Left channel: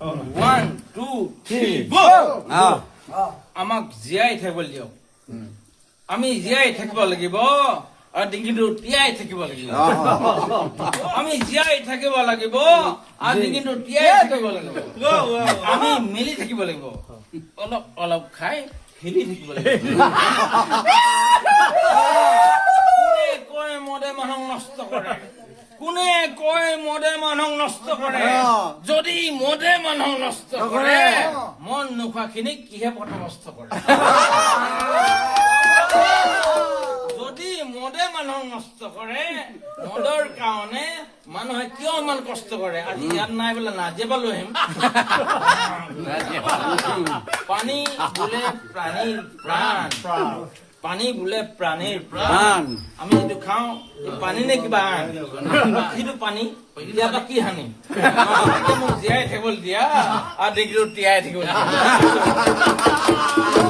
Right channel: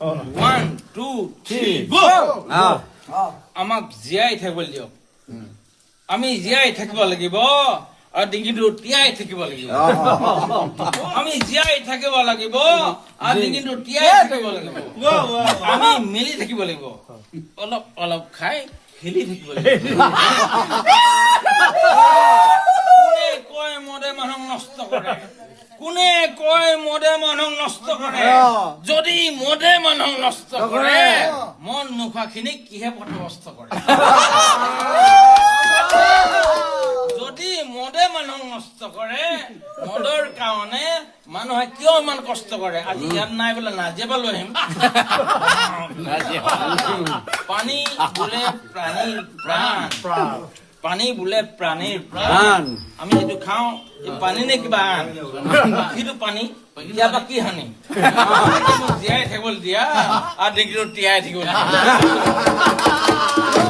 1 2 3 গো আমাক জীয়াই থাকিব দিয়ক আমি জীয়াই থাকিব লাগিব আৰু ডিঙিটো তিয়াই থাকিব লাগিব আমি জীয়াই থাকিব লাগিব আৰু ডিঙিটো তিয়াই থাকিব লাগিব আমি মিলি থাকিব লাগিব অলপ অলপ খাই খেলি থাকিব লাগিব কোনে কয় মদে মানুহক নষ্ট কৰে কোনে কয় মদে মানুহক নষ্ট কৰে যদি মদে মানুহক নষ্ট কৰে মন নোখোৱাখিনিক কিহে পথভ্ৰষ্ট কৰে যদি মদে মানুহক নষ্ট কৰে মদৰ কাৰণে মানুহে কিয় ইমান কষ্ট কৰে আজি ইয়াত নাই বোলে নাজিয়াব লৈ আহিম পানী বোলে প্ৰাণীৰ প্ৰাণ পানী বোলে প্ৰাণীৰ প্ৰাণ আমি যিটো খাওঁ এই পানী নে কিবা আন সিটো পানী ইয়াৰ পৰা কি হানি মোক জীয়াই থাকিবলৈ দিয়া আৰু ডিগ্ৰীটো তিয়াই থাকিব